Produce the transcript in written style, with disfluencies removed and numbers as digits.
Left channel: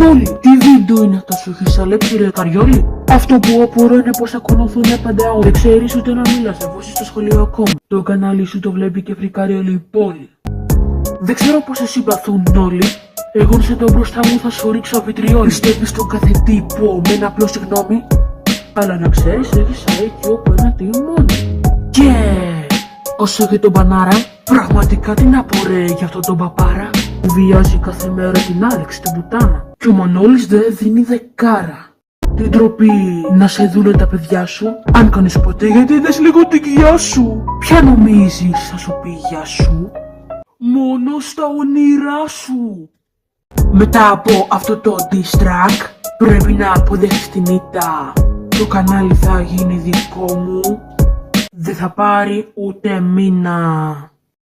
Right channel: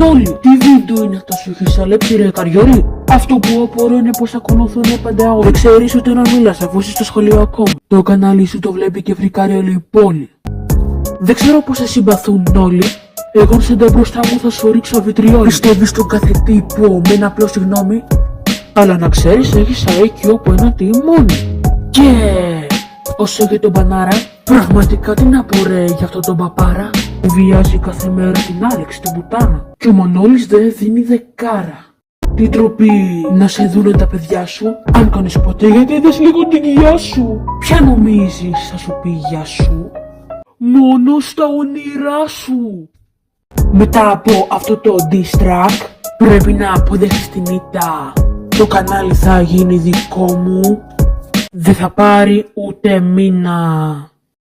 Νόλι, τι βίντεο είναι αυτό σου έχεις αλέψει ρε καριόλι? Αυτό που απορώ είναι πως ακολουθούνε πάντα όλοι. Δεν ξέρεις ούτε να μιλάς αφού είσαι στο σχολείο ακόμα. Το κανάλι σου το βλέπει και βρει καριόλι η πόλη. Δεν ξέρω πως σε συμπαθούν όλοι. Εγώ σε το μπροστά μου θα σου ρίξω βιτριόλι. Πιστεύεις στον κάθε τύπο με ένα απλό συγγνώμη? Αλλά να ξέρεις έχεις IQ από ένα τιμόνι. Και όσο για τον Μπανάρα, πραγματικά τι να πω ρε για αυτό τον παπάρα που βιάζει κάθε μέρα την Άλεξη τη μπουτάνα. Και ο Μανώλης δεν δίνει δεκάρα. Τι ντροπή να σε δούνε τα παιδιά σου. Αν κάνεις ποτέ γιατί είδες λίγο την κοιλιά σου. Ποια νομίζεις θα σου πει γεια σου? Μόνο στα όνειρά σου. Μετά από αυτό το diss track πρέπει να αποδεχτείς την ήττα. Το κανάλι θα γίνει δικό μου. Δεν θα πάρει ούτε μήνα.